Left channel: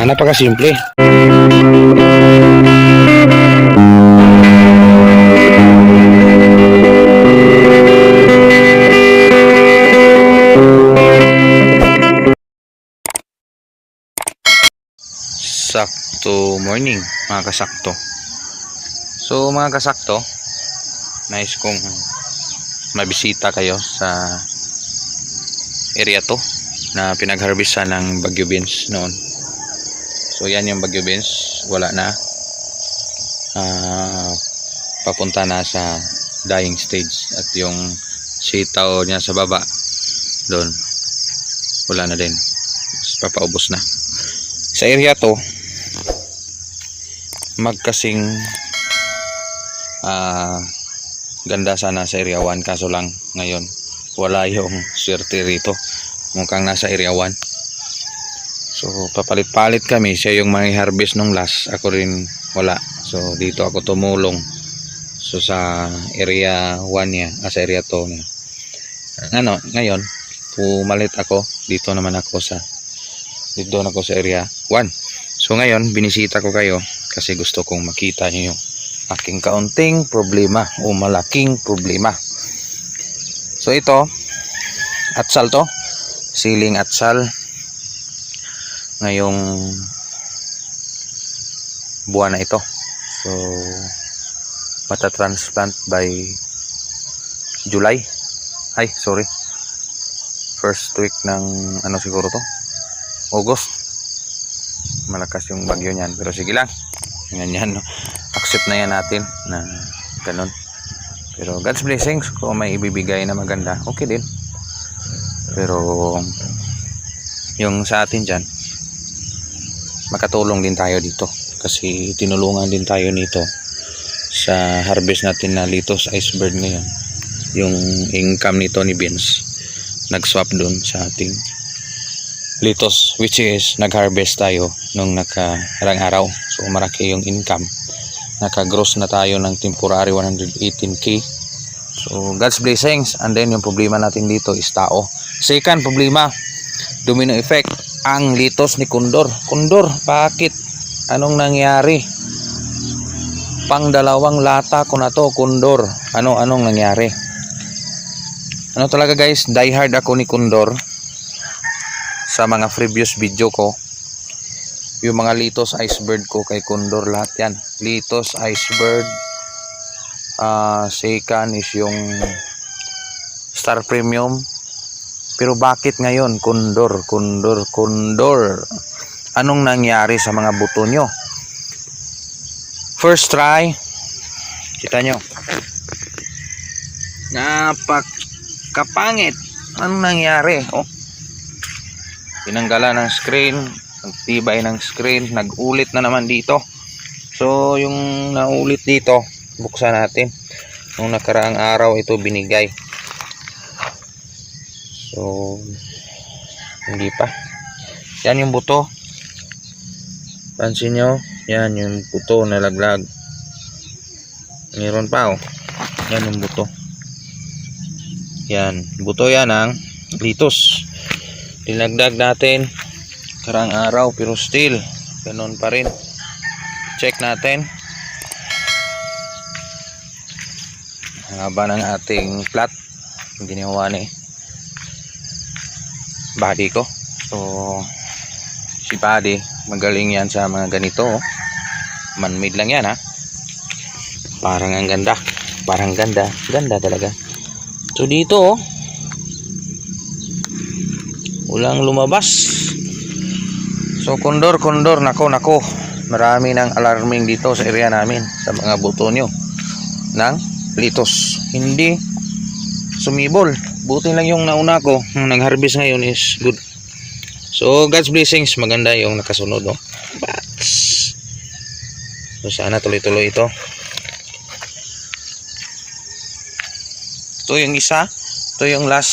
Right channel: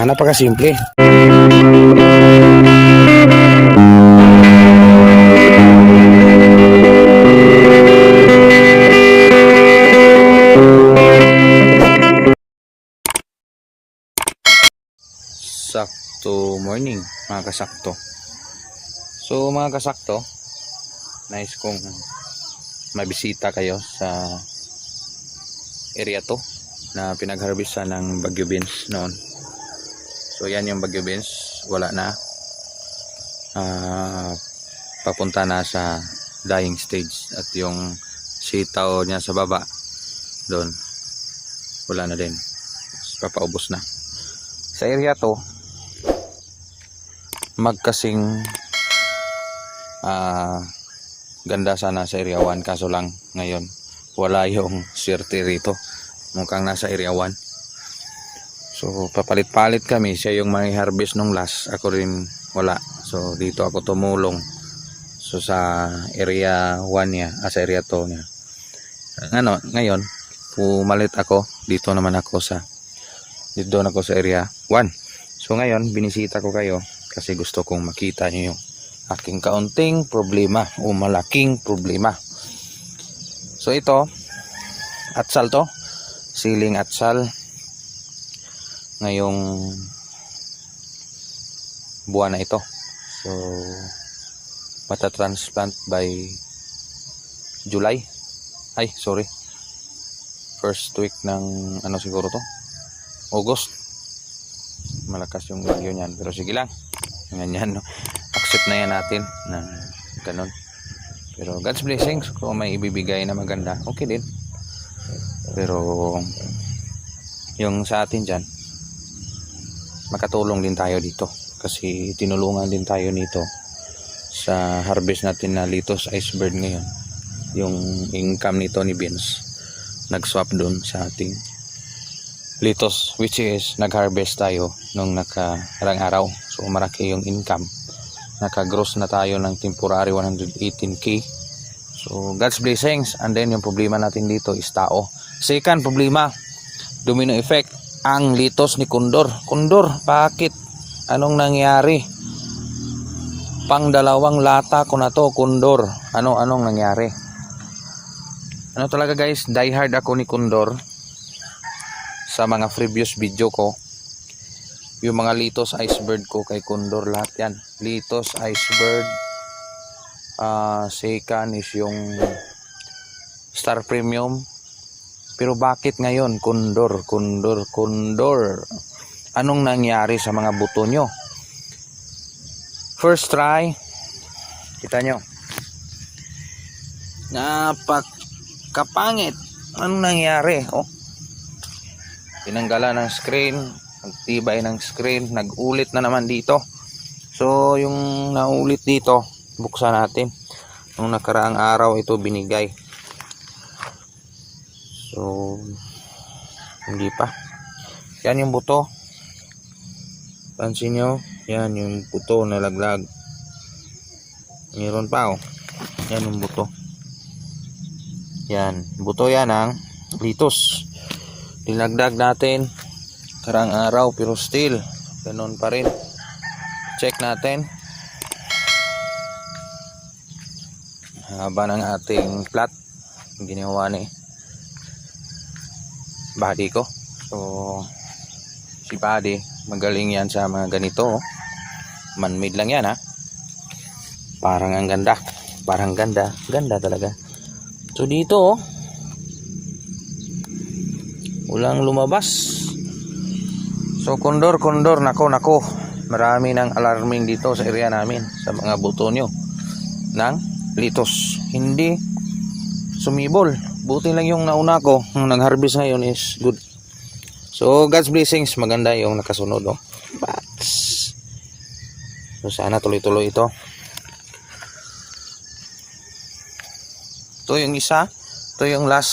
Napakasimple. Sakto morning mga kasakto. So mga kasakto, nais kong mabisita kayo sa area to na pinagharvestan ng Bagyo Beans noon. So yan yung Bagyo Beans, wala na, papunta na sa dying stage. At yung sitaw niya sa baba doon, wala na din, papaubos na. Sa area to, magkasing ganda sana sa area 1, kaso lang ngayon wala yung swerte rito, mukhang nasa area 1. So papalit-palit kami, siya yung mga harvest nung last, ako rin wala. So dito ako tumulong. So sa area 1 niya, sa area 2 niya. Ngayon pumalit ako, dito ako sa area 1. So ngayon binisita ko kayo kasi gusto kong makita niyo yung aking kaunting problema o malaking problema. So ito, atsal to, siling atsal. Ngayong buwan na ito. So mata-transplant by July. First week ng siguro to? August. Malakas yung bagyo niyan, pero sige lang. Yan, no? Accept na yan natin na ganun. Pero God's blessings, kung may ibibigay na maganda, okay din. Pero yung sa atin dyan, makatulong din tayo dito kasi tinulungan din tayo nito sa harvest natin na Litos Iceberg ngayon. Yung income nito ni Vince nag-swap dun sa ating Litos, which is nag-harvest tayo nung nakarang araw. So maraki yung income, naka-gross na tayo ng temporary 118k. So God's blessings. And then yung problema natin dito is tao. Second problema, domino effect, ang litos ni Kondor. Bakit? Anong nangyari? Pang dalawang lata ko na to, Kondor. Anong nangyari? Talaga guys, die hard ako ni Kondor. Sa mga previous video ko, yung mga Litos Iceberg ko kay Kondor, lahat yan Litos Iceberg. Second is yung Star Premium. Pero bakit ngayon Kondor? Anong nangyari sa mga buto nyo? First try, kita nyo, napakapangit. Anong nangyari? Tinanggalan ng screen, nagtibay ng screen, nagulit na naman dito. So yung naulit dito, buksan natin. Nung nakaraang araw ito binigay. So hindi pa. Yan yung buto. Pansin nyo, yan yung buto na laglag. Meron pa yan yung buto. Yan, buto yan ang Litos. Dinagdag natin karang araw, pero still ganun pa rin. Check natin haba ng ating plot, ginawa ni body ko. So si body magaling yan sa mga ganito. Man-made lang yan, parang ang ganda, ganda talaga. So dito walang lumabas. So Kondor, nako, marami ng alarming dito sa area namin sa mga buto nyo ng Litos. Hindi sumibol, buti lang yung nauna ko, yung nag-harvest ngayon is good. So God's blessings, maganda yung nakasunod, so sana tuloy-tuloy ito. Ito yung isa, ito yung last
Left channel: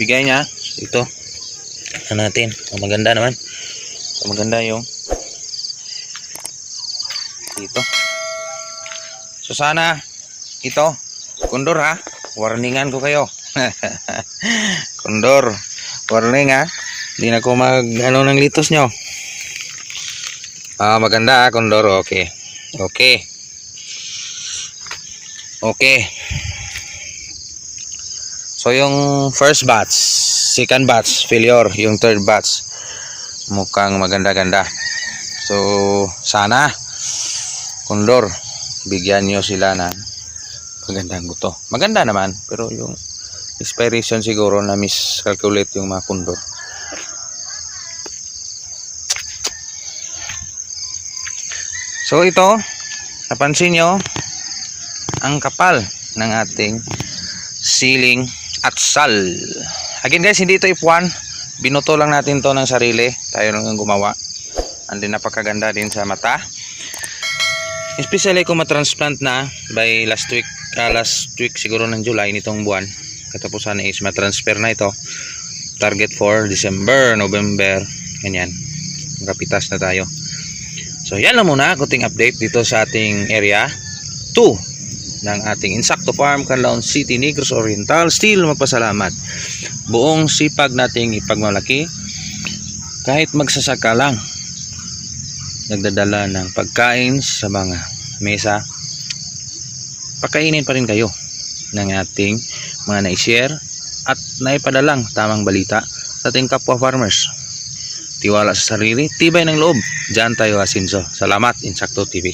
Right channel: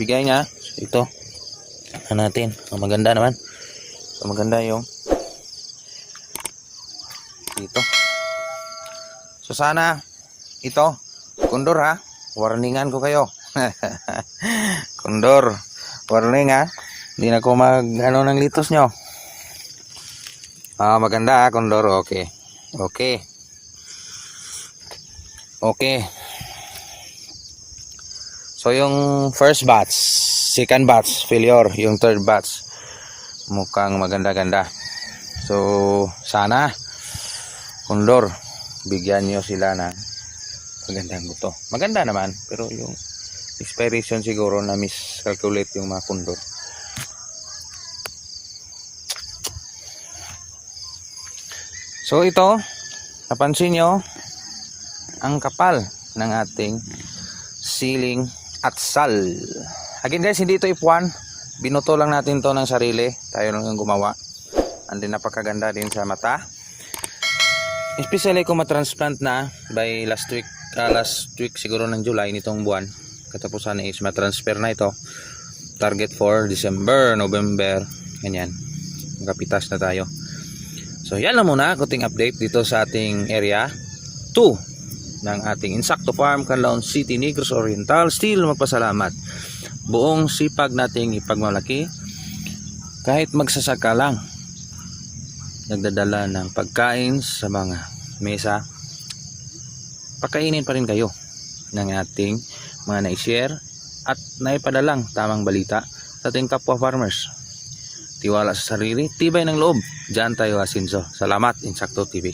bigay niya. Ito natin, maganda naman. So maganda yung dito. So sana ito, Kondor, warningan ko kayo. Kondor, warning, Hindi na ko mag ano ng litos nyo. Maganda Condor. Okay. Okay. Okay. So yung first batch, second batch failure, yung third batch mukhang maganda-ganda. So sana Condor, bigyan nyo sila na magandang buto. Maganda naman, pero yung expiration siguro na miscalculate yung mga Condor. So ito, napansin nyo ang kapal ng ating siling atsal. Again guys, hindi ito ipuan, binuto lang natin to ng sarili, tayo lang ang gumawa. And then napakaganda din sa mata, especially kung matransplant na by last week siguro ng July nitong buwan. Katapusan is matransfer na ito, target for December, November, ganyan, makapitas na tayo. So yan lang muna, kuting update dito sa ating area 2 ng ating Insakto Farm, Canlaon City, Negros Oriental. Still magpasalamat, buong sipag nating ipagmalaki, kahit magsasaka lang, nagdadala ng pagkain sa mga mesa, pakainin pa rin kayo ng ating mga na-share at naipadalang tamang balita sa ating kapwa farmers. Tiwala sa sarili, tibay ng loob, diyan tayo asinso. Salamat Insakto TV.